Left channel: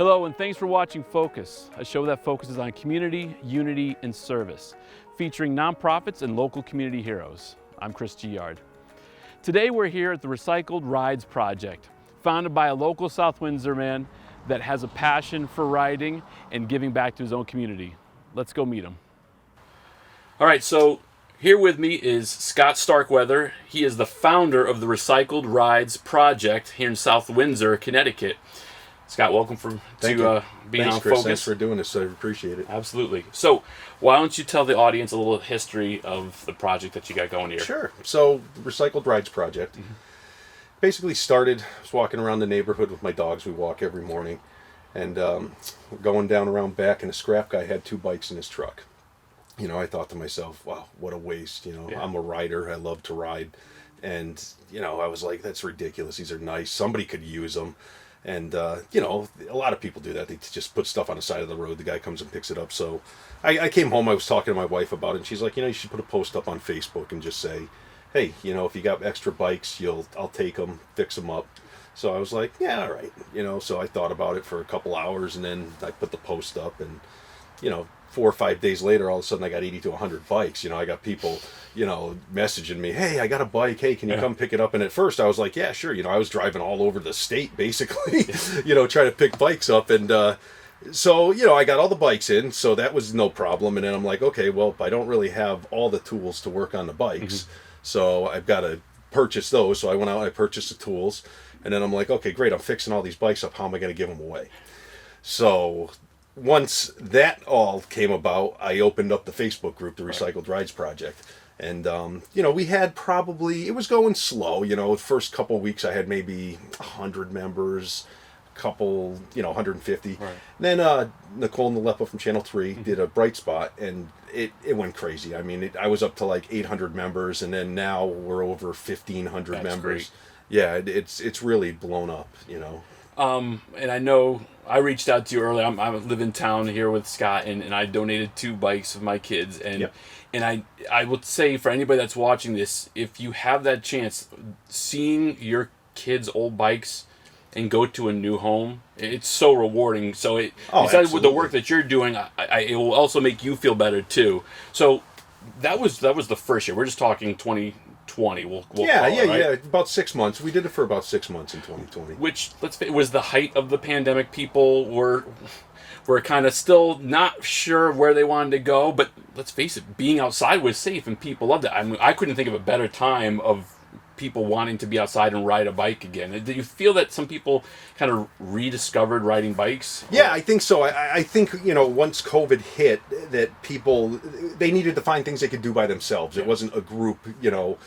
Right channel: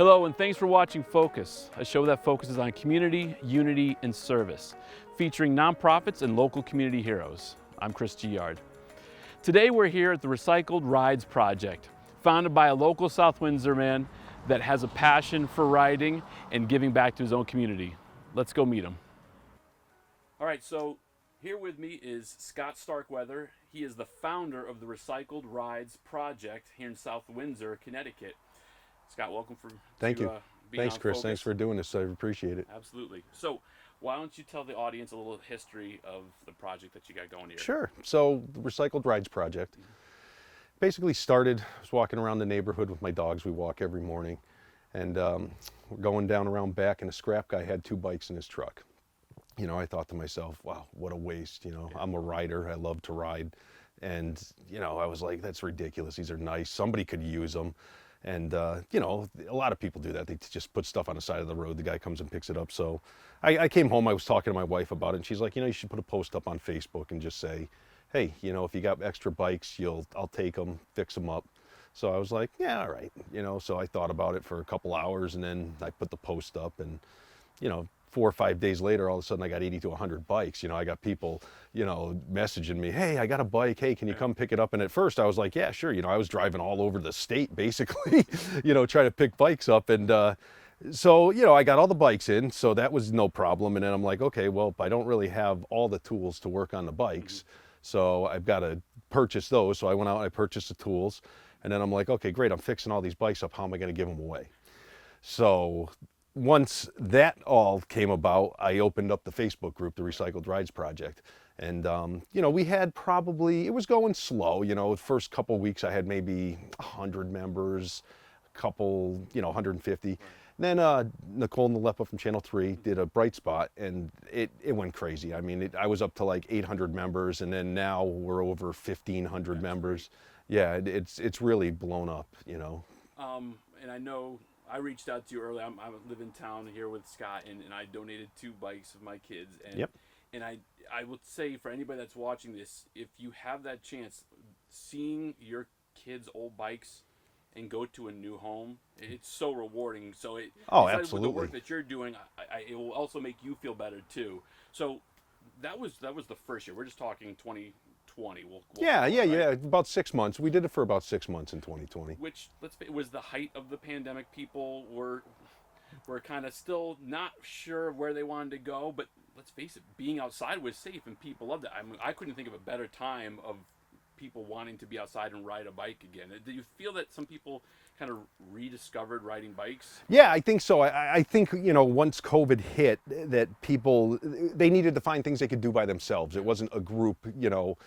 Hello, and thanks for watching Focus, a show that focuses on community, unity, and service, featuring nonprofits and local community heroes. I'm Chris Giard. Today we're here at the Recycled Rides Project, founded by a local South Windsor man that has a passion for riding and giving back to his own community. Let's go meet him. All right, so here with me is Scott Starkweather. He is the founder of the Recycled Rides Project here in South Windsor, Connecticut. Scott, welcome to being Thanks, on Chris. Focus. Thanks for doing this. I appreciate it. Absolutely. So, why don't you tell the audience a little history of the project that you got going here? Sure. So, the Recycled Rides Project basically started, I was walking around the neighborhood with my dogs. We walk every morning. And going down around back, and a scrap guy had 2 bikes in his truck. You know, I thought to myself, wow, what a waste. You know, Yeah. I'm a rider. I love to ride. And, you know, I was like, that's ridiculous. These are nice. Somebody could use them. And, you know, a lot of people do that. They just put stuff on the side of the road. The guy comes and picks it up. So I came home. I was talking to my wife about it. And she's like, you know, you should put a post up on Facebook and just say, hey, you know, if you got extra bikes, I'll take them, fix them up. So I was like, yeah, all right. You know, so I thought about it for a couple hours, and then I put the post up, and, you know, 4 or 5 days later, all of a sudden I got 80 to 100 bikes. You know, I got people, you know, messaging me, hey, I got a bike. Hey, can you come pick it up? And at first I was like, yeah, sure. You know, I was driving all over the state, basically, you know, trying to pick bikes up. And so, you know, I got all the bikes in, so that was no problem. And then I'm like, okay, well, I don't really have all the tools to work on the bikes. So I've got to purchase those. So I went out and I purchased the tools. And then I'm like, okay, great. I'm fixing all these bikes up. How am I going to give them away? So once that all came about, I opened up the Facebook group, the Recycled Rides Project. And, you know, we had it was going slow. You know, the first couple of weeks I had maybe 100 members, couple, you know, 150. Right. Then Nicole Nalepa from Channel 3 did a Bright Spot, and it went crazy. I mean, I was up to like 800 members, and then now we're over 1,500 That's members. great. Yeah, it's really blown up, you know. And I know I reached out to you earlier. I live in town here with Scott, and I donated 2 bikes for my kids. And Yep. and I would say for anybody that's watching this, if you have that chance, seeing your kids' old bikes and go to a new home, it's so rewarding. So besides with the work that you're doing, it will also make you feel better too. So that was the first year. We're just talking 2020. We'll Yeah, call it, right? about 6 months. We did it for about 6 months in 2020. Which was the height of the pandemic. People were kind of still not sure where they wanted to go, but let's face it, being outside was safe and people loved it. I mean, I couldn't think of a better time of people wanting to be outside and ride a bike again. Did you feel that some people kind of rediscovered riding bikes? Yeah, I think so. I think, you know, once COVID hit, that people, they needed to find things they could do by themselves. It wasn't a group, you know,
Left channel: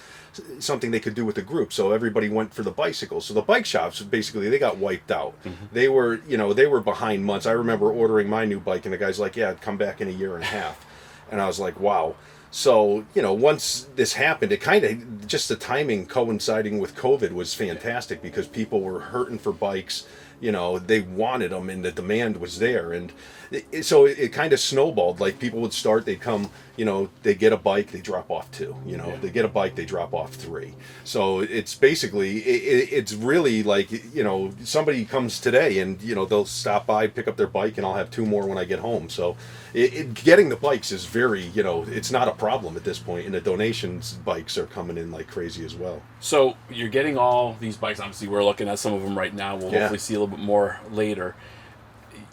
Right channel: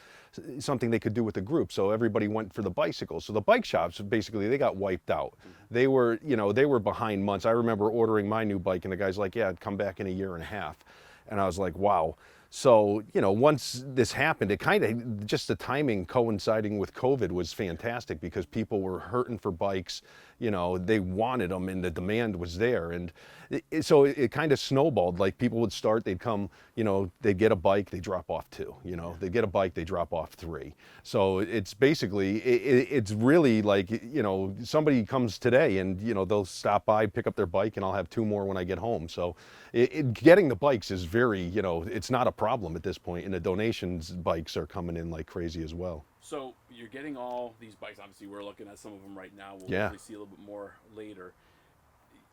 something they could do with a group. So everybody went for the bicycles. So the bike shops, basically, they got wiped out. They were, you know, they were behind months. I remember ordering my new bike, and the guy's like, yeah, I'd come back in a year and a half. And I was like, wow. So, you know, once this happened, it kind of, just the timing coinciding with COVID was fantastic, because people were hurting for bikes. You know, they wanted them, and the demand was there. And so it kind of snowballed. Like, people would start, they'd come, you know, they get a bike, they drop off 2. You know, they get a bike, they drop off 3. So it's basically, it's really like, you know, somebody comes today and, you know, they'll stop by, pick up their bike, and I'll have 2 more when I get home. So getting the bikes is very, you know, it's not a problem at this point. And the donations bikes are coming in like crazy as well. So you're getting all these bikes. Obviously, we're looking at some of them right now. We'll hopefully see a little bit more later.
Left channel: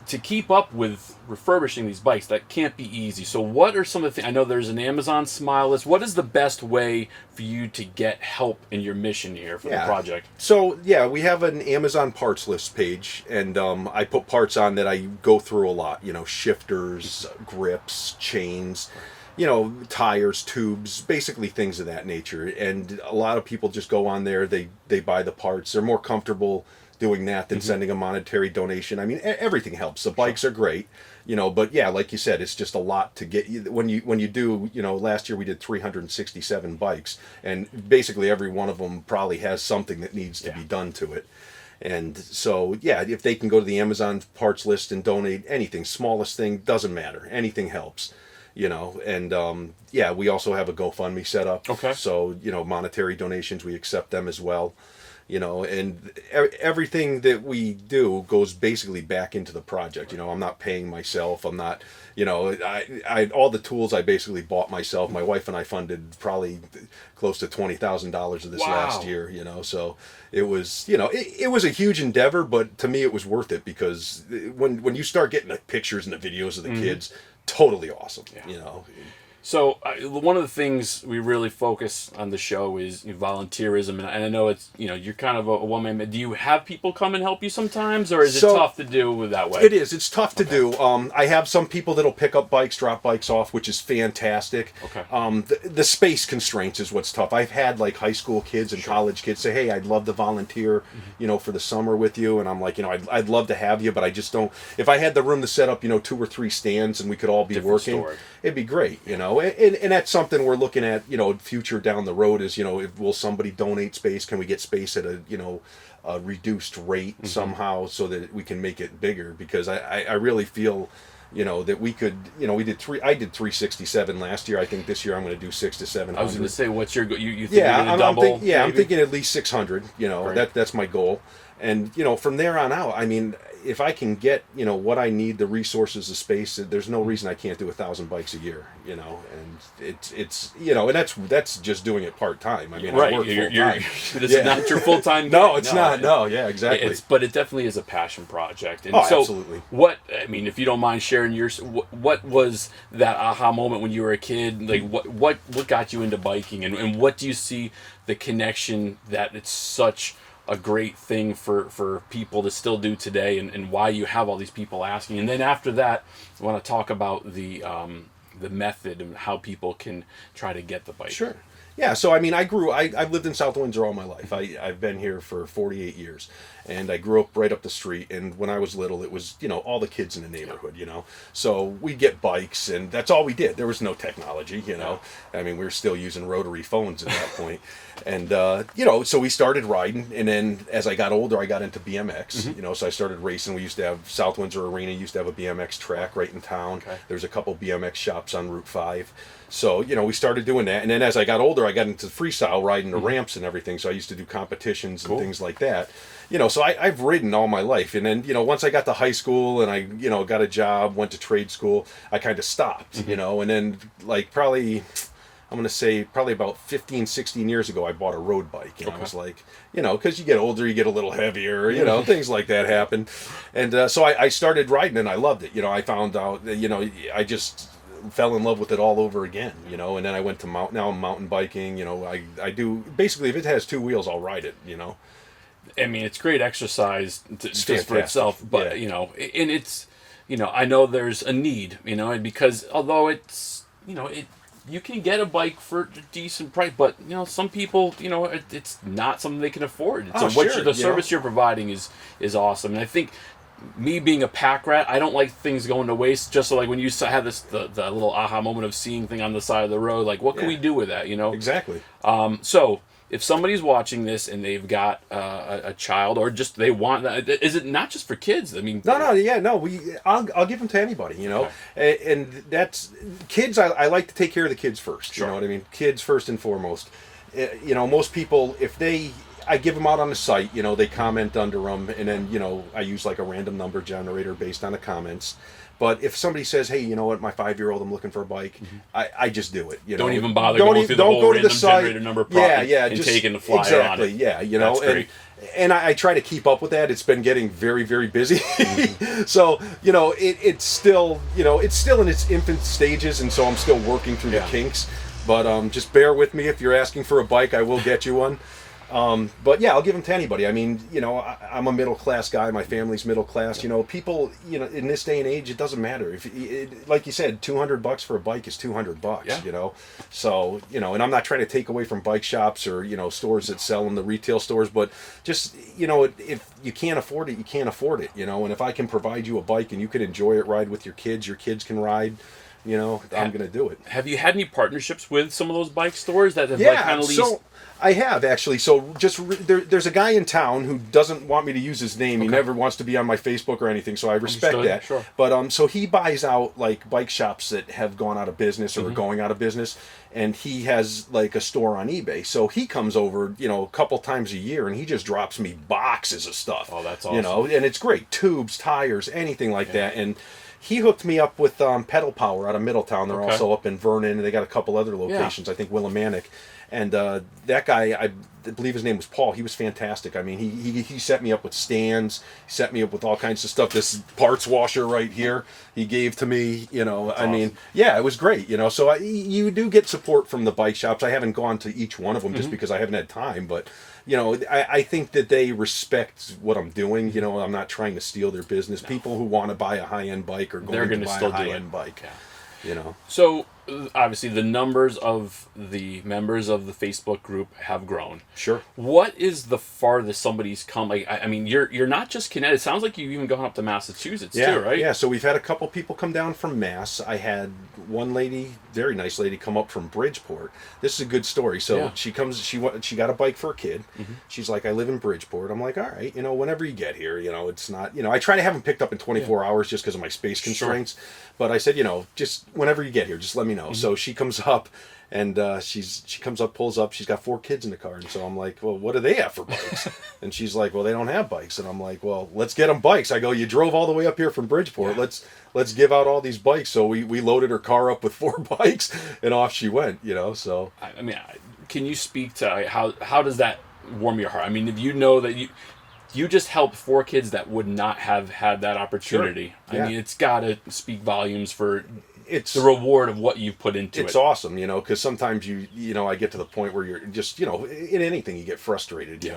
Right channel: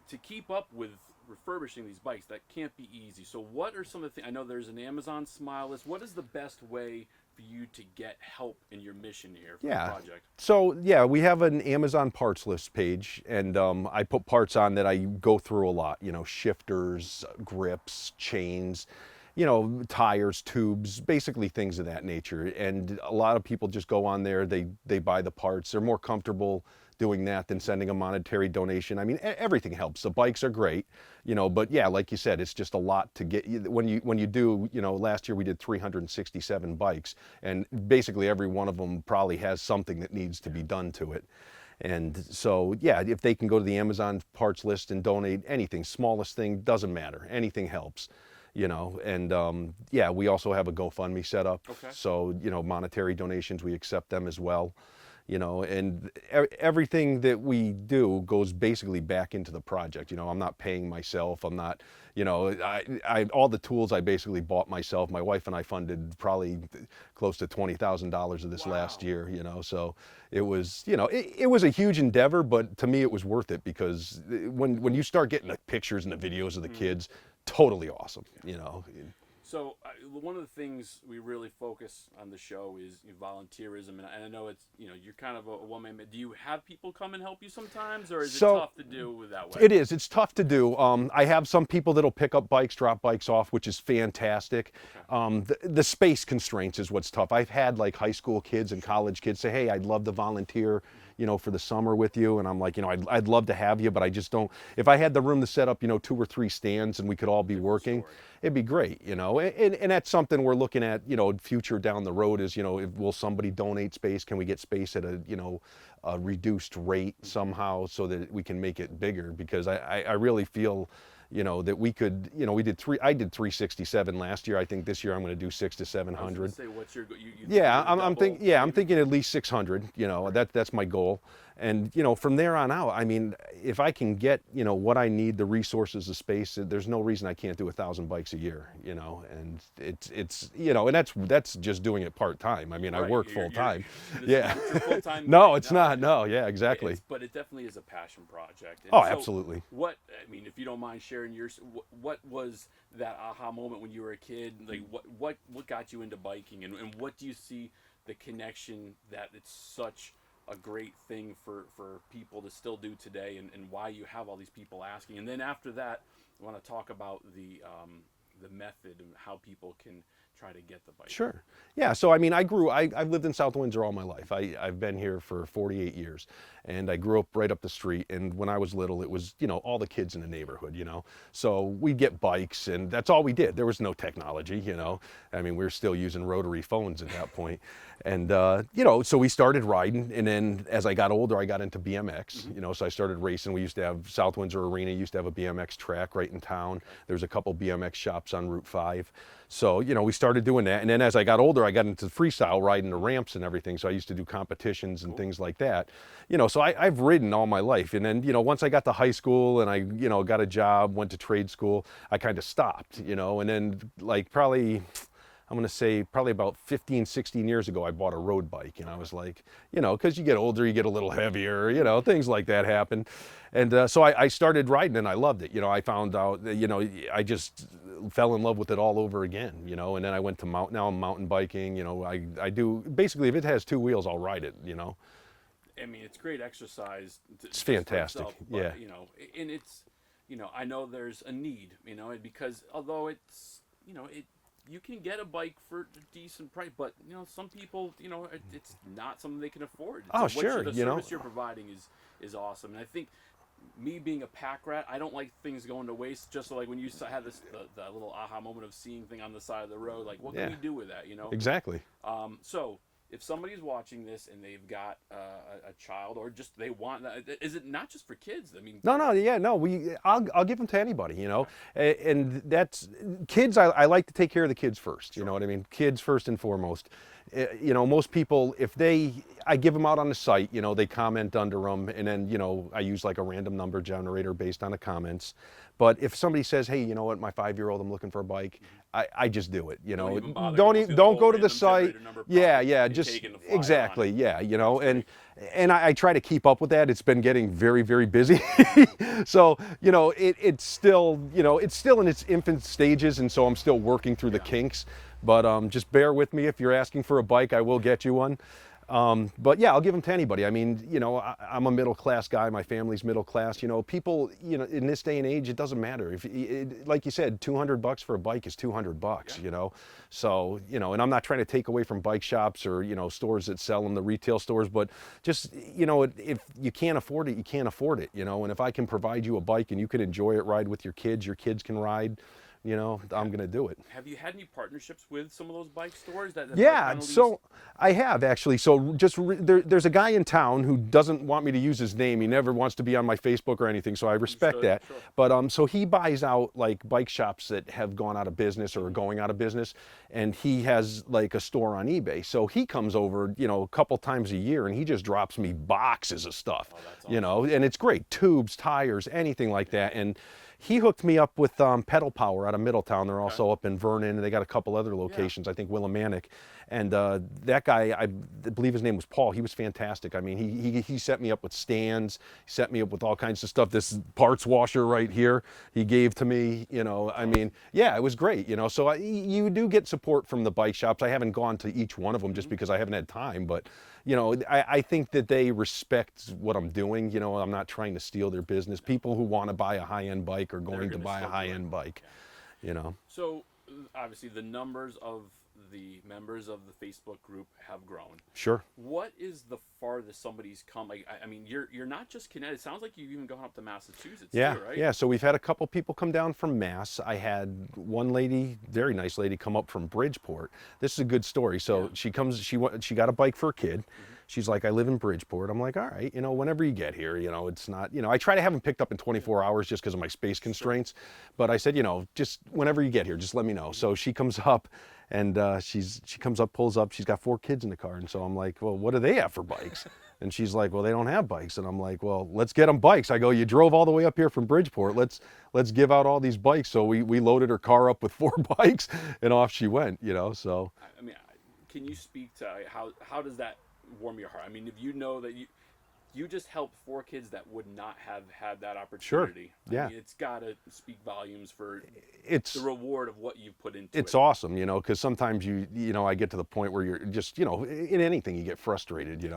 To keep up with refurbishing these bikes, that can't be easy. So what are some of the things? I know there's an Amazon Smile list. What is the best way for you to get help in your mission here for the project? So, yeah, we have an Amazon parts list page, and I put parts on that I go through a lot. You know, shifters, grips, chains, you know, tires, tubes, basically things of that nature. And a lot of people just go on there, they buy the parts. They're more comfortable doing that than sending a monetary donation. I mean, everything helps. The bikes are great, you know, but yeah, like you said, it's just a lot to get you. When you do, you know, last year we did 367 bikes, and basically every one of them probably has something that needs to be done to it. And so, yeah, if they can go to the Amazon parts list and donate anything, smallest thing, doesn't matter. Anything helps, you know. And yeah, we also have a GoFundMe set up. Okay. So, you know, monetary donations, we accept them as well. and everything that we do goes basically back into the project. I'm not paying myself. I'm not, I all the tools I basically bought myself. My wife and I funded probably close to $20,000 of this Wow. last year. So it was, it was a huge endeavor, but to me it was worth it because when you start getting the pictures and the videos of the kids, totally awesome. So one of the things we really focus on the show is volunteerism, and I know it's you're kind of a one man. Do you have people come and help you sometimes, or is it tough to do that way? It is. It's tough to do. I have some people that'll pick up bikes, drop bikes off, which is fantastic. Okay. The space constraints is what's tough. I've had like high school kids and college kids say, "Hey, I'd love to volunteer, for the summer with you," and I'm like, I'd love to have you, but I just don't. If I had the room to set up, 2 or 3 stands and we could all be Different working. story. It'd be great, and that's something we're looking at, future down the road is, will somebody donate space? Can we get space at a reduced rate somehow so that we can make it bigger? Because I really feel, that we could, I did 367 last year. I think this year I'm going to do 600 to 700. I was going to say, what's your you think Yeah, you're going to double? I'm thinking at least 600. Right. That's my goal, and from there on out, I mean, if I can get what I need, the resources, the space, there's no reason I can't do 1,000 bikes a year. And it's and that's just doing it part time. I mean, Right. I work full time. This is not your full time. No, it's not. No, yeah, exactly. But it definitely is a passion project. And Oh, so absolutely. if you don't mind sharing yours, what was that aha moment when you were a kid? Like what got you into biking, and what do you see the connection that it's such a great thing for people to still do today, and why you have all these people asking? And then after that, I want to talk about the method and how people can try to get the bike. Sure. Yeah, so I mean, I've lived in South Windsor all my life. I've been here for 48 years, and I grew up right up the street. And when I was little, it was, all the kids in the neighborhood, So we'd get bikes, and that's all we did. There was no technology, I mean, we were still using rotary phones at that point. And, so we started riding, and then as I got older, I got into BMX, so I started racing. We used to have, South Windsor Arena used to have a BMX track right in town. Okay. There's a couple BMX shops on Route 5. So, we started doing that. And then as I got older, I got into freestyle riding the ramps and everything. So I used to do competitions and things like that. So I've ridden all my life. And then, once I got to high school and I, got a job, went to trade school, I kind of stopped, and then like probably, I'm going to say probably about 15, 16 years ago, I bought a road bike. And I was like, because you get older, you get a little heavier, things like that happen. And so I started riding and I loved it. I found out that, I just fell in love with it all over again, and then I went to now I'm mountain biking, I do, basically if it has 2 wheels, I'll ride it, I mean, it's great exercise just for fantastic. itself, but Yeah. And it's, I know there's a need, and because although it's, you can get a bike for a decent price, but some people, it's not something they can afford. So the service you're providing is awesome, and I think, me being a pack rat, I don't like things going to waste. Just so like when you have the little aha moment of seeing thing on the side of the road, like what can we do with that? Exactly. So if somebody's watching this and they've got a child, or just they want that, is it not just for kids? I mean, no, I'll give them to anybody, and that's kids. I like to take care of the kids first. Sure. You know what I mean? Kids first and foremost. Most people, I give them out on the site, they comment under them, and then, I use like a random number generator based on the comments. But if somebody says, hey, you know what, my 5-year-old, I'm looking for a bike, I just do it. Don't even bother going through the whole go to the random site. generator number And just taking the flyer exactly, on it. Yeah, That's great. And I try to keep up with that. It's been getting very, very busy. So, it's still, it's still in its infant stages, and so I'm still working through the kinks. But just bear with me. If you're asking for a bike, I will get you one. But yeah, I'll give them to anybody. I mean, I'm a middle class guy. My family's middle class. People, in this day and age, it doesn't matter. If, like you said, $200 for a bike is $200. Yeah. So and I'm not trying to take away from bike shops or stores that sell them, the retail stores. But just if you can't afford it, you can't afford it. And if I can provide you a bike and you can enjoy it, ride with your kids can ride. I'm going to do it. Have you had any partnerships with some of those bike stores that have Yeah, kind of so I have actually. So there's a guy in town who doesn't want me to use his name. He never wants to be on my Facebook or anything, so I respect Understood, that. sure. But so he buys out like bike shops that have gone out of business or are going out of business, and he has like a store on eBay. So he comes over, a couple times a year, and he just drops me boxes of stuff. Oh, that's awesome. And it's great. Tubes, tires, anything like that. And he hooked me up with Pedal Power out of Middletown. They're also up in Vernon, and they got a couple other locations. I think Willimantic. And that guy, I believe his name was Paul. He was fantastic. I mean, he set me up with stands. He set me up with all kinds of stuff. This parts washer right here, he gave to me. I mean, yeah, it was great. So you do get support from the bike shops. I haven't gone to each one of them just because I haven't had time, but. I think that they respect what I'm doing. I'm not trying to steal their business. People who want to buy a high-end bike are going to buy a high-end bike. Yeah. So obviously the numbers of the members of the Facebook group have grown. Sure. What is the farthest somebody's come? Like, I mean, you're not just Connecticut. It sounds like you've even gone up to Massachusetts too, right? Yeah. So we've had a couple people come down from Mass. I had one lady, very nice lady, come up from Bridgeport. This is a good story. So she comes. She got a bike for a kid. She's like, I live in Bridgeport. I'm like, all right. Whenever you get here, it's not. I try to have them picked up in 24 hours just because of my space constraints. Sure. But I said, just whenever you get here, just let me know. So she comes up, and she comes up, pulls up. She's got 4 kids in the car, and so I'm like, well, what do they have for bikes? And she's like, well, they don't have bikes. And I'm like, well, let's get them bikes. I go, you drove all the way up here from Bridgeport. Let's give out all these bikes. So we loaded her car up with 4 bikes, and off she went. So I mean, can you speak to how does that warm your heart? I mean, if you know that you just helped 4 kids that would not have had that opportunity. Sure. Yeah. I mean, it's got to speak volumes for the reward of what you've put into it. It's awesome, because sometimes I get to the point where you're just, in anything you get frustrated,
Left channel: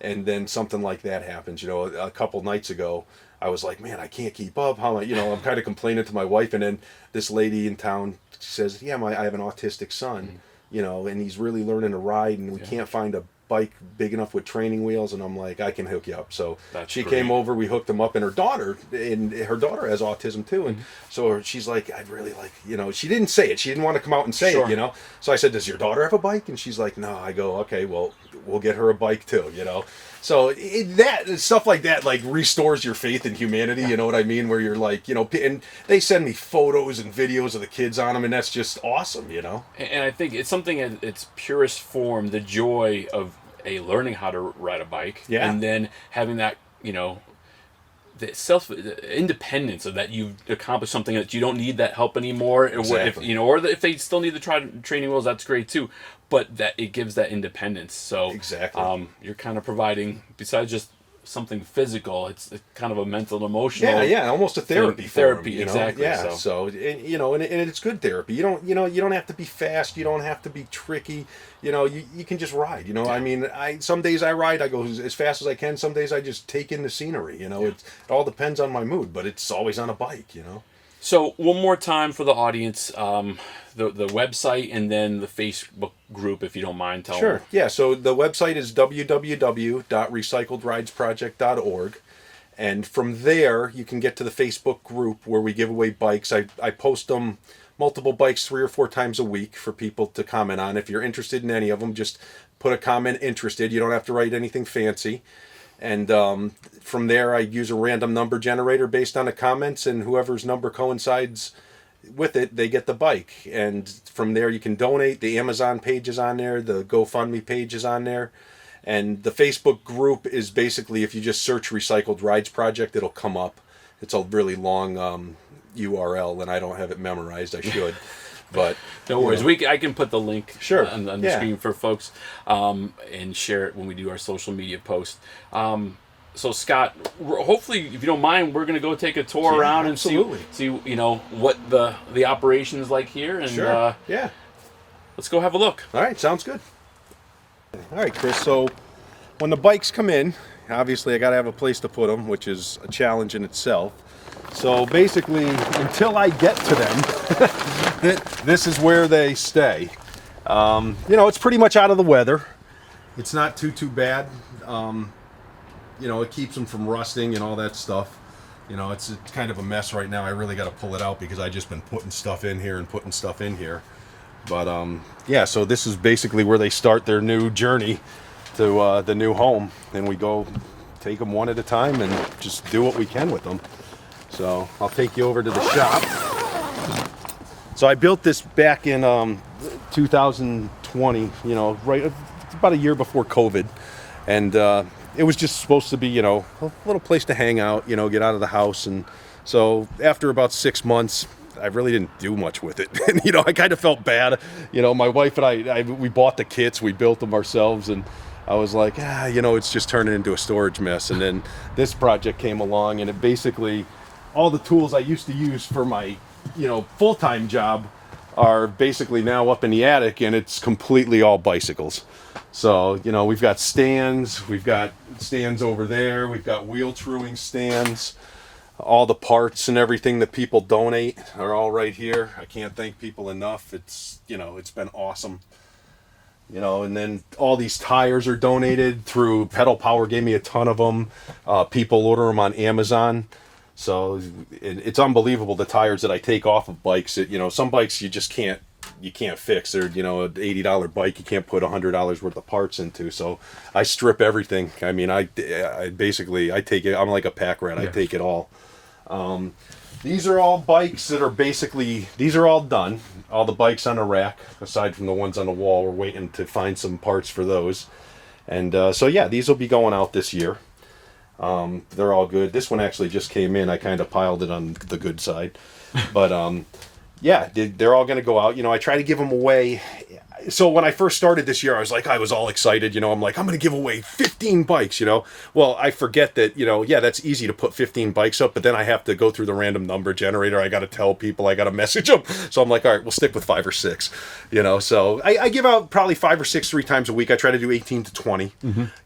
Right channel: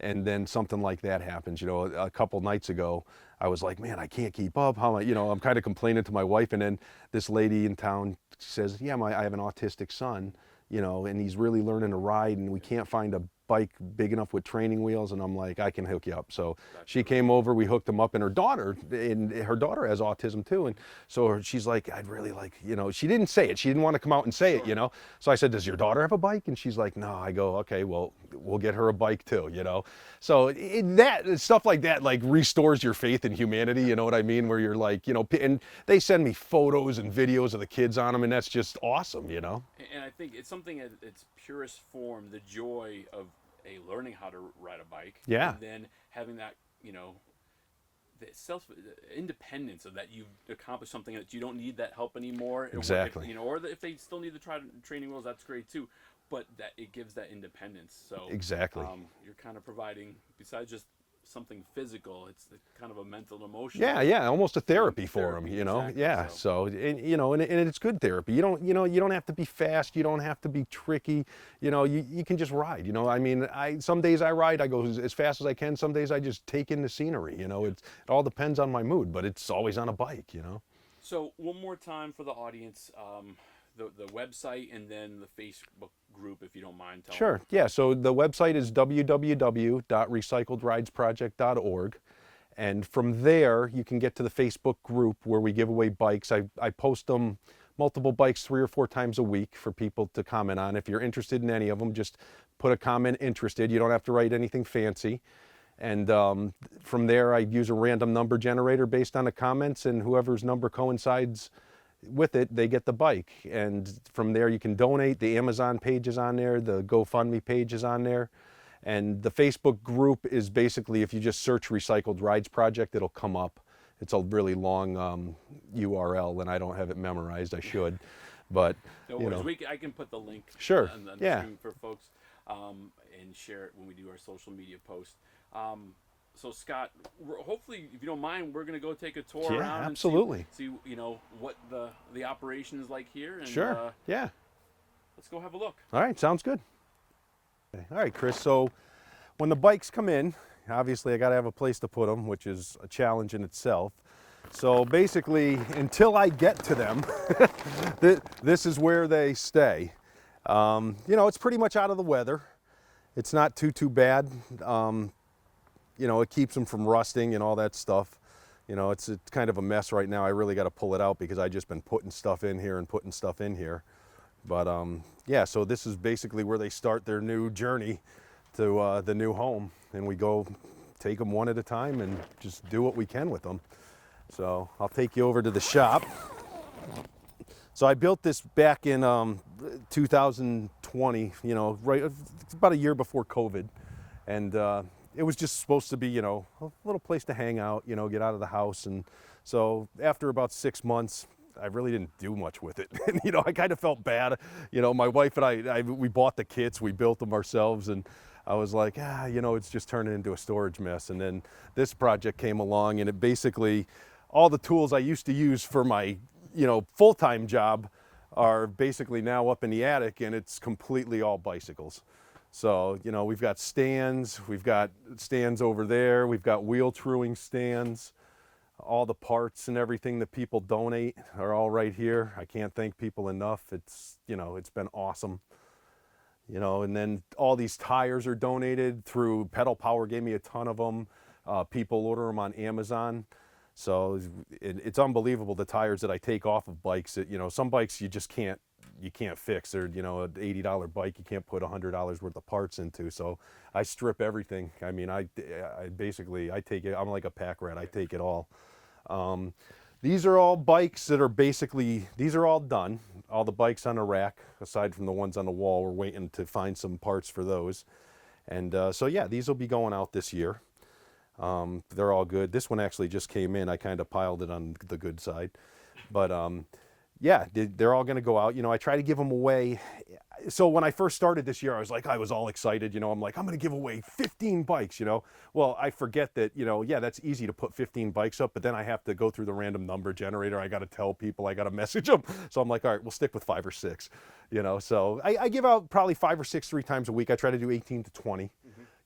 and then something like that happens. A couple nights ago, I was like, man, I can't keep up. I'm kind of complaining to my wife, and then this lady in town says, yeah, I have an autistic son, and he's really learning to ride, and we can't find a bike big enough with training wheels. And I'm like, I can hook you up. So she came over, we hooked him up, and her daughter has autism too, and so she's like, I'd really like, she didn't say it, she didn't want to come out and say it, so I said, does your daughter have a bike? And she's like, no. I go, okay, well, we'll get her a bike too. So that stuff like that like restores your faith in humanity. You know what I mean? Where you're like, and they send me photos and videos of the kids on them, and that's just awesome. And I think it's something in its purest form, the joy of learning how to ride a bike, and then having that, the independence of that you've accomplished something that you don't need that help anymore. Exactly. Or if they still need the training wheels, that's great too. But that it gives that independence. So exactly, you're kind of providing, besides just something physical, it's kind of a mental and emotional. Yeah, almost a therapy for them, exactly. Yeah, so and it's good therapy. You don't have to be fast. You don't have to be tricky. You can just ride. I mean, some days I ride, I go as fast as I can. Some days I just take in the scenery. It all depends on my mood, but it's always on a bike. So one more time for the audience, the website and then the Facebook group, if you don't mind telling. Sure. Yeah. So the website is www.recycledridesproject.org, and from there you can get to the Facebook group where we give away bikes. I post them, multiple bikes, 3 or 4 times a week for people to comment on. If you're interested in any of them, just put a comment interested. You don't have to write anything fancy. And from there, I use a random number generator based on the comments, and whoever's number coincides with it, they get the bike. And from there, you can donate. The Amazon page is on there. The GoFundMe page is on there. And the Facebook group is basically, if you just search Recycled Rides Project, it'll come up. It's a really long URL, and I don't have it memorized. I should. But no worries. I can put the link on the screen for folks, and share it when we do our social media post. So Scott, hopefully, if you don't mind, we're going to go take a tour around and see what the operation is like here. And let's go have a look. All right, sounds good. All right, Chris. So when the bikes come in, obviously I got to have a place to put them, which is a challenge in itself. So basically, until I get to them, this is where they stay. It's pretty much out of the weather. It's not too bad. It keeps them from rusting and all that stuff. You know, it's kind of a mess right now. I really got to pull it out because I just been putting stuff in here and putting stuff in here. But yeah, so this is basically where they start their new journey to the new home, and we go take them one at a time and just do what we can with them. So I'll take you over to the shop. So I built this back in 2020, you know, right about a year before COVID, and it was just supposed to be, you know, a little place to hang out, you know, get out of the house. And so after about 6 months, I really didn't do much with it. And, you know, I kind of felt bad. You know, my wife and I we bought the kits, we built them ourselves, and I was like, you know, it's just turning into a storage mess. And then this project came along, and it basically, all the tools I used to use for my, you know, full-time job are basically now up in the attic, and it's completely all bicycles. So, you know, we've got stands over there, we've got wheel truing stands, all the parts and everything that people donate are all right here. I can't thank people enough. It's, you know, it's been awesome. You know, and then all these tires are donated through Pedal Power, gave me a ton of them. People order them on Amazon. So it's unbelievable, the tires that I take off of bikes. You know, some bikes you just can't fix. They're, you know, an $80 bike you can't put $100 worth of parts into. So I strip everything. I mean, I basically take it. I'm like a pack rat. I take it all. These are all bikes that are basically, these are all done. All the bikes on a rack, aside from the ones on the wall. We're waiting to find some parts for those. And so yeah, these will be going out this year. They're all good. This one actually just came in. I kind of piled it on the good side. But yeah, they're all going to go out. You know, I try to give them away. So when I first started this year, I was all excited. You know, I'm like, I'm going to give away 15 bikes, you know. Well, I forget that, you know, yeah, that's easy to put 15 bikes up, but then I have to go through the random number generator. I got to tell people, I got to message them. So I'm like, all right, we'll stick with 5 or 6, you know. So I give out probably 5 or 6 3 times a week. I try to do 18 to 20,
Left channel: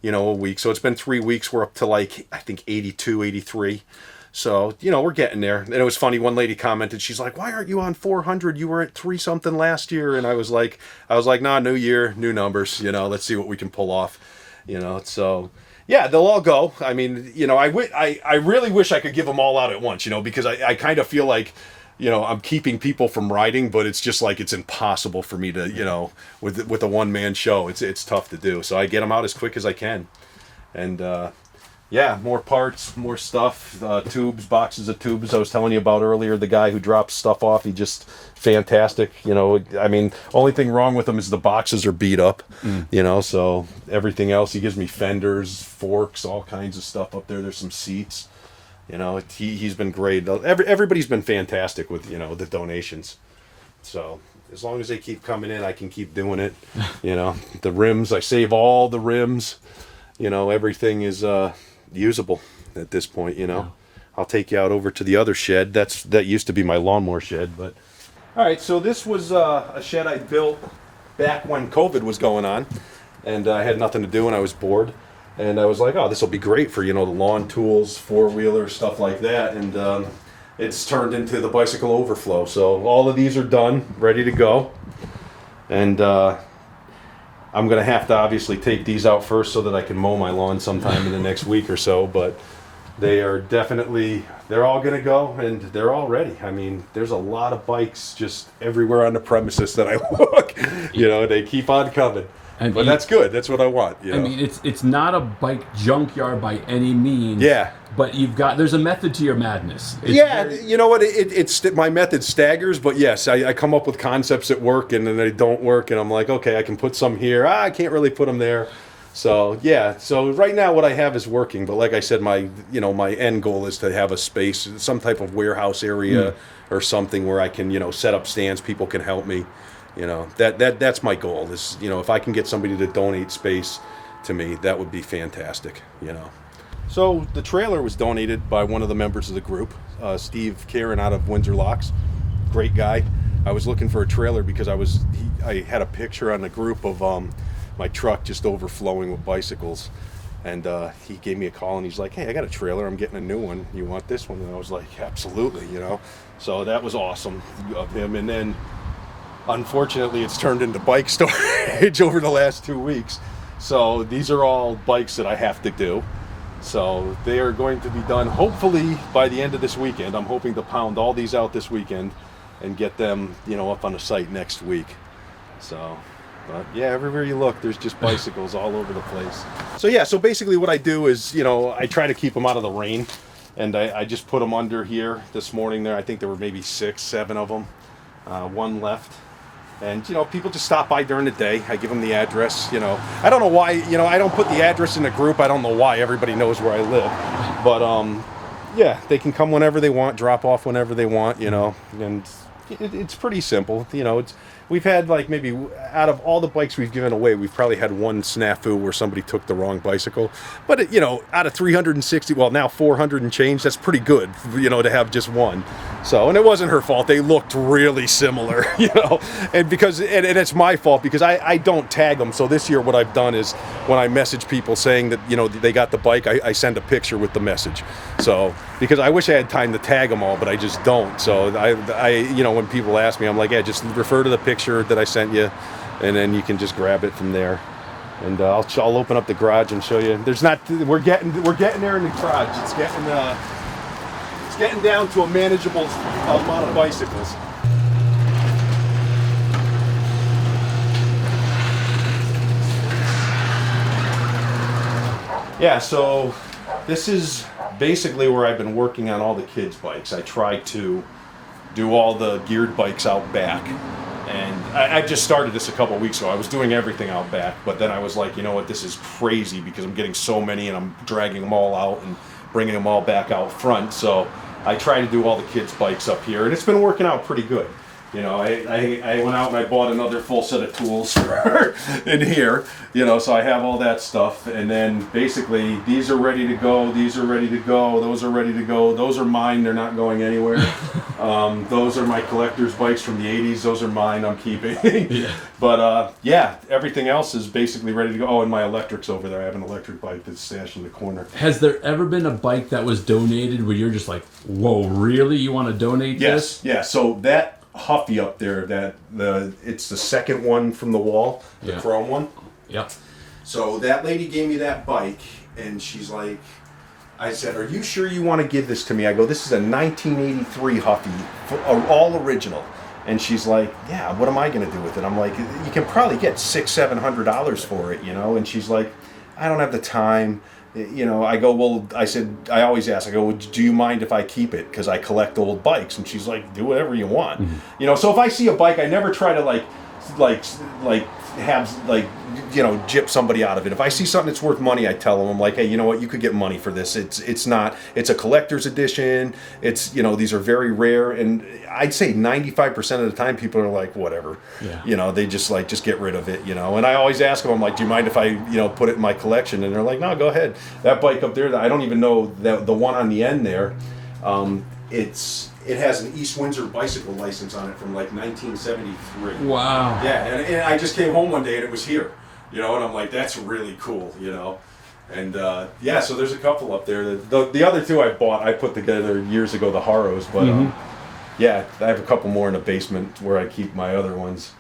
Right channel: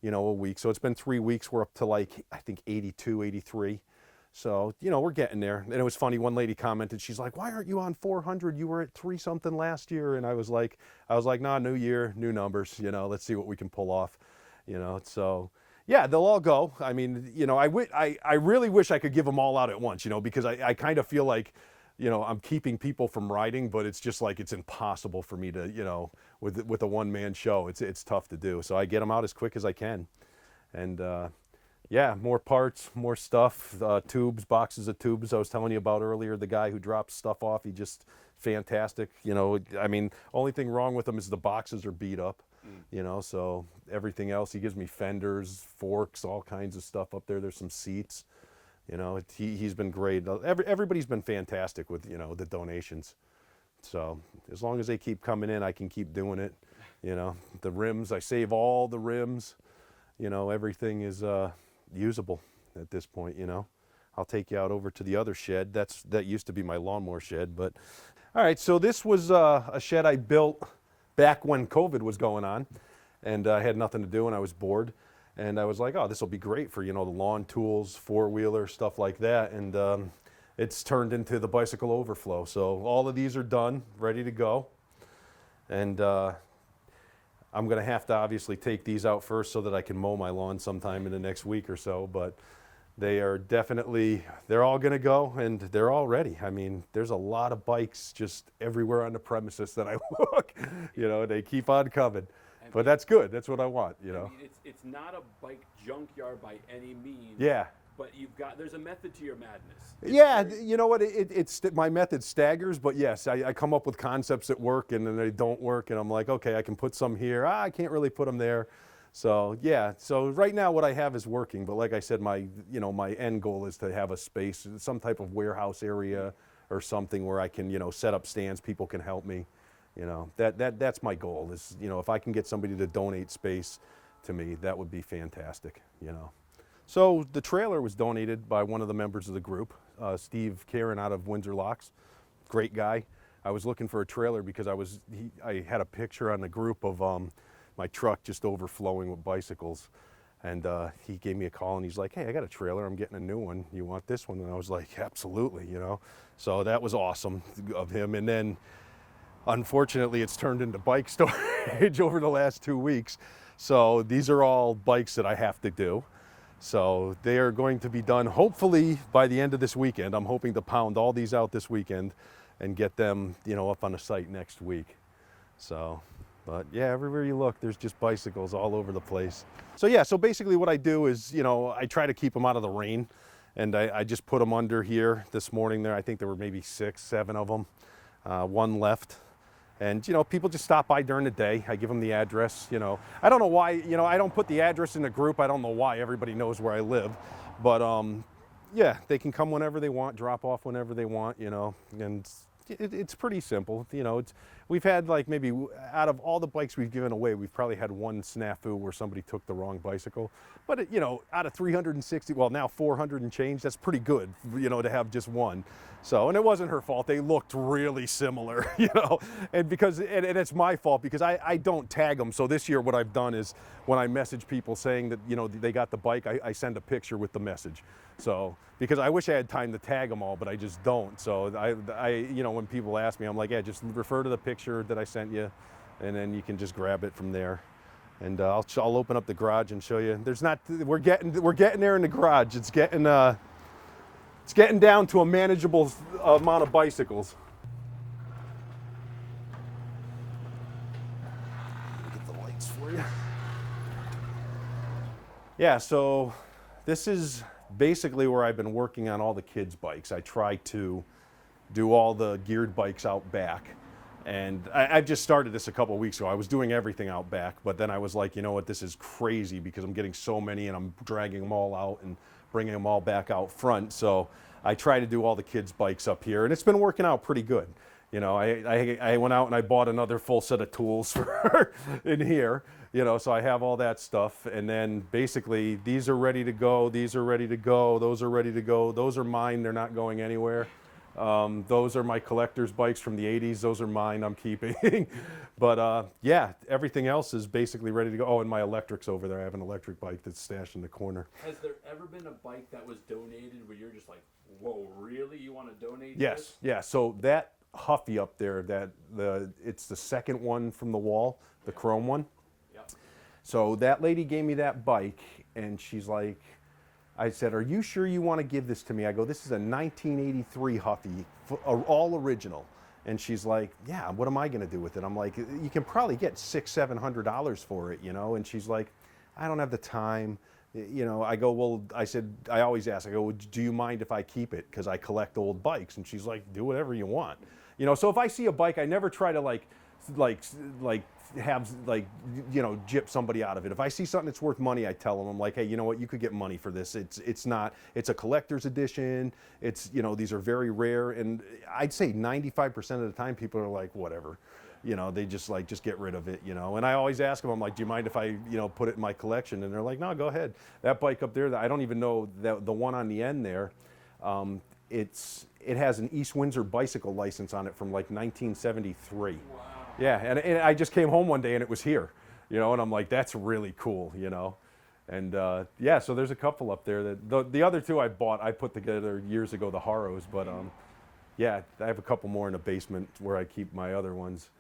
you know, a week. So it's been 3 weeks. We're up to like, I think 82, 83. So, you know, we're getting there. And it was funny, one lady commented, she's like, why aren't you on 400? You were at 3 something last year. And I was like, nah, new year, new numbers, you know, let's see what we can pull off, you know. So yeah, they'll all go. I mean, you know, I really wish I could give them all out at once, you know, because I kind of feel like, you know, I'm keeping people from riding, but it's just like, it's impossible for me to, you know, with a one-man show, it's tough to do. So I get them out as quick as I can. And, yeah, more parts, more stuff, tubes, boxes of tubes. I was telling you about earlier, the guy who drops stuff off, he just fantastic. You know, I mean, only thing wrong with him is the boxes are beat up, you know, so everything else, he gives me fenders, forks, all kinds of stuff up there. There's some seats, you know, he's been great. Everybody's been fantastic with, you know, the donations. So as long as they keep coming in, I can keep doing it. You know, the rims, I save all the rims, you know, everything is, usable at this point, you know. Yeah. I'll take you out over to the other shed. That used to be my lawnmower shed, but all right. So this was a shed I built back when COVID was going on, and I had nothing to do and I was bored, and I was like, oh, this will be great for, you know, the lawn tools, 4-wheeler stuff like that, and it's turned into the bicycle overflow. So all of these are done, ready to go, and I'm going to have to obviously take these out first so that I can mow my lawn sometime in the next week or so, but they are definitely, they're all going to go, and they're all ready. I mean, there's a lot of bikes just everywhere on the premises that I look. You know, they keep on coming. But that's good. That's what I want. You know? I mean, it's not a bike junkyard by any means. Yeah. But there's a method to your madness. You know what? It's my method staggers, but yes, I come up with concepts that work and then they don't work, and I'm like, okay, I can put some here. I can't really put them there. So yeah. So right now, what I have is working. But like I said, my end goal is to have a space, some type of warehouse area or something where I can, you know, set up stands. People can help me. You know, that's my goal is, you know, if I can get somebody to donate space to me, that would be fantastic, you know. So the trailer was donated by one of the members of the group, Steve Karen out of Windsor Locks. Great guy. I was looking for a trailer because I had a picture on the group of my truck just overflowing with bicycles. And he gave me a call and he's like, hey, I got a trailer. I'm getting a new one. You want this one? And I was like, absolutely, you know. So that was awesome of him. And then unfortunately, it's turned into bike storage over the last 2 weeks. So these are all bikes that I have to do. So they are going to be done hopefully by the end of this weekend. I'm hoping to pound all these out this weekend and get them, up on the site next week. So, but yeah, everywhere you look, there's just bicycles all over the place. So basically what I do is, I try to keep them out of the rain. And I just put them under here this morning there. I think there were maybe 6, 7 of them. One left. And, people just stop by during the day. I give them the address, I don't know why, I don't put the address in the group. I don't know why. Everybody knows where I live. But, yeah, they can come whenever they want, drop off whenever they want, and it's pretty simple. We've had like maybe out of all the bikes we've given away, we've probably had one snafu where somebody took the wrong bicycle. But out of 360, well now 400 and change, that's pretty good, to have just one. So, and it wasn't her fault. They looked really similar, and it's my fault because I don't tag them. So this year what I've done is when I message people saying that, they got the bike, I send a picture with the message. So, because I wish I had time to tag them all, but I just don't. So I when people ask me, I'm like, yeah, just refer to the picture that I sent you, and then you can just grab it from there. And I'll open up the garage and show you. We're getting there in the garage. It's getting down to a manageable amount of bicycles. Yeah, so this is basically where I've been working on all the kids' bikes. I try to do all the geared bikes out back. And I just started this a couple of weeks ago. I was doing everything out back, but then I was like, you know what, this is crazy because I'm getting so many and I'm dragging them all out and bringing them all back out front. So I try to do all the kids' bikes up here, and it's been working out pretty good. I went out and I bought another full set of tools for in here, so I have all that stuff. And then basically these are ready to go, these are ready to go, those are ready to go. Those are mine, they're not going anywhere. Those are my collector's bikes from the 80s, those are mine, I'm keeping. Yeah. But yeah, everything else is basically ready to go. Oh, and my electric's over there. I have an electric bike that's stashed in the corner. Has there ever been a bike that was donated where you're just like, whoa, really? You want to donate this? Yeah, so that Huffy up there, it's the second one from the wall, the chrome one. Yep. So that lady gave me that bike, and she's like, I said, are you sure you want to give this to me? I go, this is a 1983 Huffy, all original. And she's like, yeah, what am I going to do with it? I'm like, you can probably get $600-700 for it, And she's like, I don't have the time. I go, well, I said, I always ask, I go, well, do you mind if I keep it? Because I collect old bikes. And she's like, do whatever you want. Mm-hmm. So if I see a bike, I never try to have gyp somebody out of it. If I see something that's worth money, I tell them, I'm like, hey, you know what, you could get money for this. It's a collector's edition. These are very rare, and I'd say 95% of the time people are like, whatever. Yeah. They just get rid of it. And I always ask them, I'm like, do you mind if I put it in my collection? And they're like, no, go ahead. That bike up there, I don't even know the one on the end there. It has an East Windsor bicycle license on it from like 1973. Wow. Yeah, and I just came home one day and it was here, and I'm like, that's really cool, And yeah, so there's a couple up there. The other two I put together years ago, the Haros, but yeah, I have a couple more in the basement where I keep my other ones.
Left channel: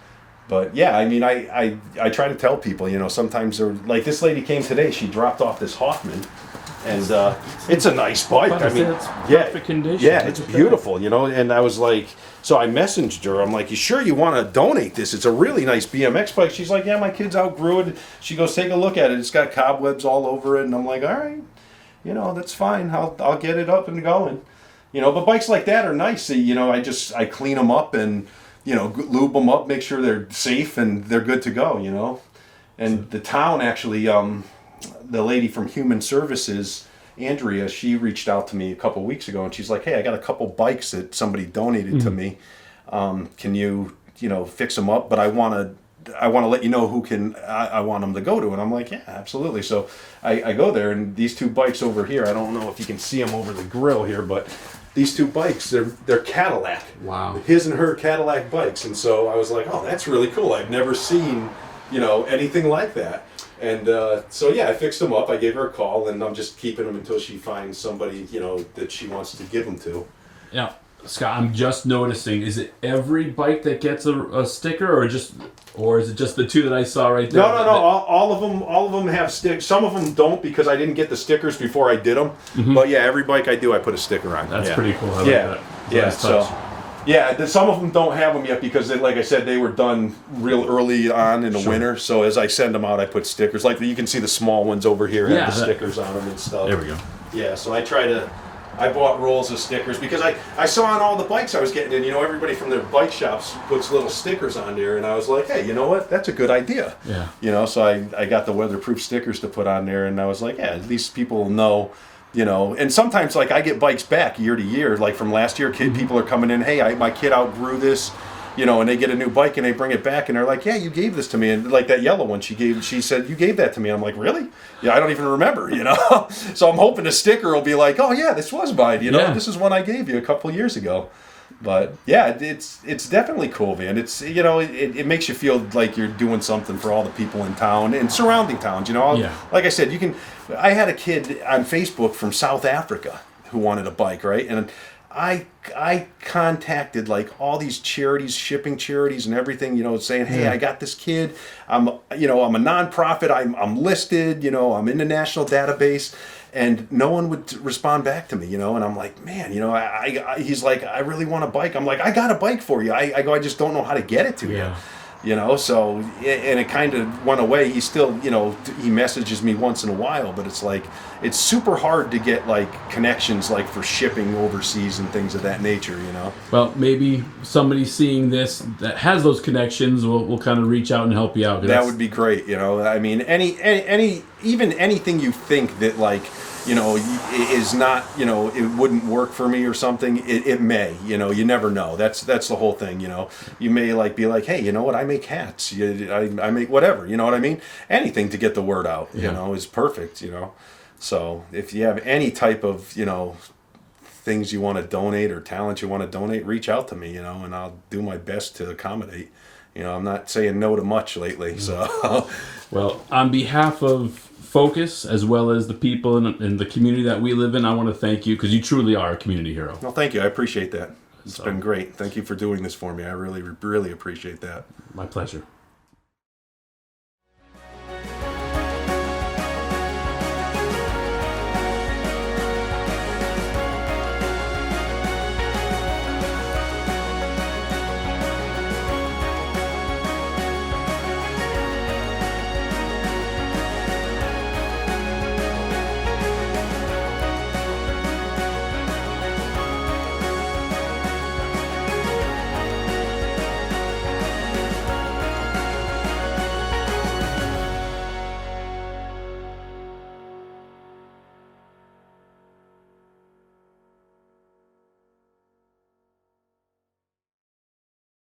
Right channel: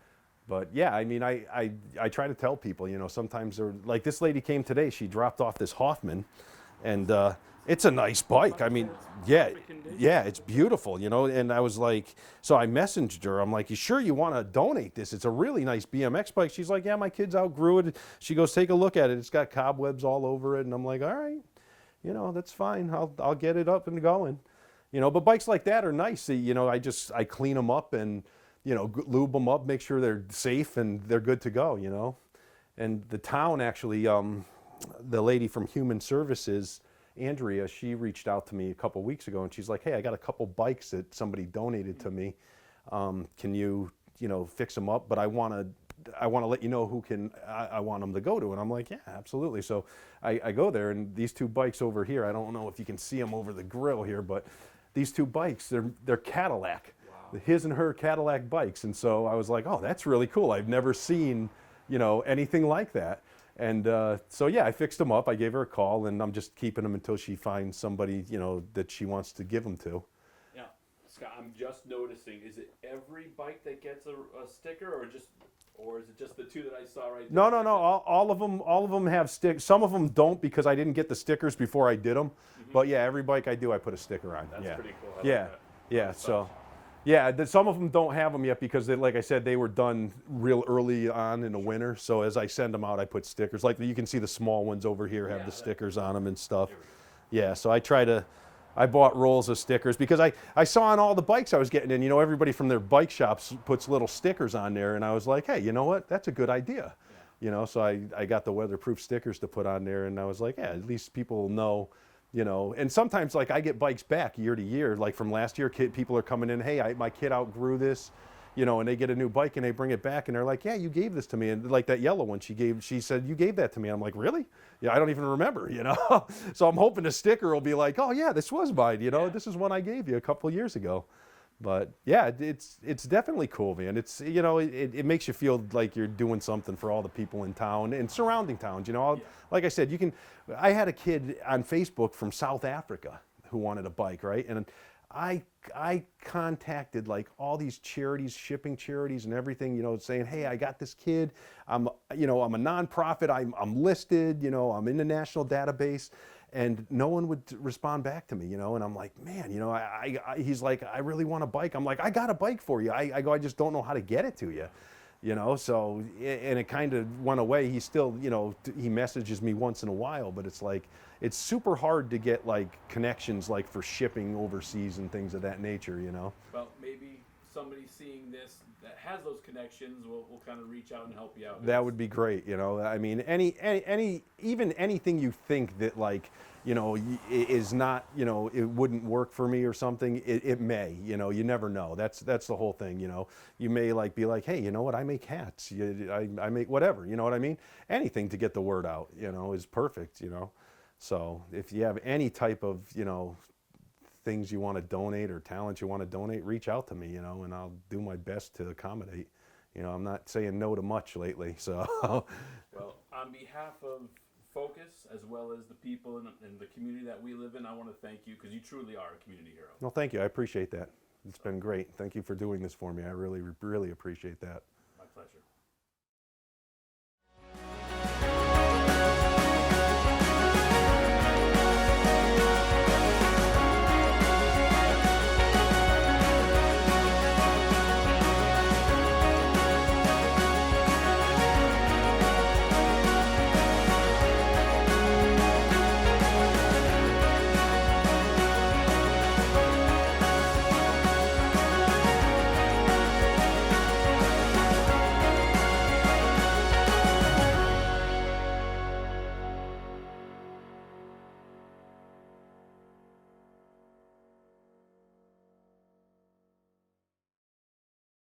But yeah, I mean, I try to tell people, sometimes they're like, this lady came today, she dropped off this Hoffman. And it's a nice bike. I mean, it's perfect condition. Yeah, it's beautiful, And I was like, so I messaged her. I'm like, you sure you want to donate this? It's a really nice BMX bike. She's like, yeah, my kids outgrew it. She goes, take a look at it. It's got cobwebs all over it. And I'm like, all right, that's fine. I'll get it up and going. But bikes like that are nice. I clean them up and lube them up, make sure they're safe and they're good to go. And the town actually. The lady from Human Services, Andrea, she reached out to me a couple weeks ago, and she's like, hey, I got a couple bikes that somebody donated to me. Can you, fix them up? But I want to let you know who I want them to go to. And I'm like, yeah, absolutely. So I go there, and these two bikes over here, I don't know if you can see them over the grill here, but these two bikes, they're Cadillac. Wow. His and her Cadillac bikes. And so I was like, oh, that's really cool. I've never seen, anything like that. And so yeah, I fixed them up. I gave her a call, and I'm just keeping them until she finds somebody, that she wants to give them to. Yeah. Scott, I'm just noticing, is it every bike that gets a sticker, or is it just the two that I saw right there? No. All of them have stickers. Some of them don't because I didn't get the stickers before I did them. But yeah, every bike I do, I put a sticker on. That's pretty cool. I like that. Nice touch. Some of them don't have them yet because, like I said, they were done real early on in the winter. So as I send them out, I put stickers. Like you can see the small ones over here have the stickers on them and stuff. There we go. Yeah, so I bought rolls of stickers because I saw on all the bikes I was getting in, everybody from their bike shops puts little stickers on there, and I was like, hey, you know what? That's a good idea. Yeah. So I got the weatherproof stickers to put on there, and I was like, yeah, at least people will know. And sometimes like I get bikes back year to year, like from last year, people are coming in, hey, my kid outgrew this, and they get a new bike and they bring it back and they're like, yeah, you gave this to me. And like that yellow one she said, you gave that to me. I'm like, really? Yeah, I don't even remember, So I'm hoping the sticker will be like, oh yeah, this was mine, this is one I gave you a couple of years ago. But yeah, it's definitely cool, man. It's it makes you feel like you're doing something for all the people in town and surrounding towns. Like I said, I had a kid on Facebook from South Africa who wanted a bike, right? And I contacted like all these charities, shipping charities and everything, saying, hey, I got this kid. I'm a nonprofit. I'm listed. I'm in the national database. And no one would respond back to me, and I'm like, man, he's like, I really want a bike. I'm like, I got a bike for you. I go, I just don't know how to get it to you. So, and it kind of went away. He still, he messages me once in a while, but it's like, it's super hard to get like connections like for shipping overseas and things of that nature, Well, maybe somebody seeing this that has those connections will kind of reach out and help you out. That would be great, I mean, even anything you think that like, is not, it wouldn't work for me or something, it may, you never know. That's the whole thing, You may like be like, hey, you know what, I make hats, I make whatever, you know what I mean? Anything to get the word out, is perfect, So if you have any type of, things you want to donate or talent you want to donate, reach out to me, and I'll do my best to accommodate. I'm not saying no to much lately, so. Well, on behalf of Focus, as well as the people in the community that we live in, I want to thank you because you truly are a community hero. Well, thank you. I appreciate that. It's been great. Thank you for doing this for me. I really, really appreciate that. My pleasure.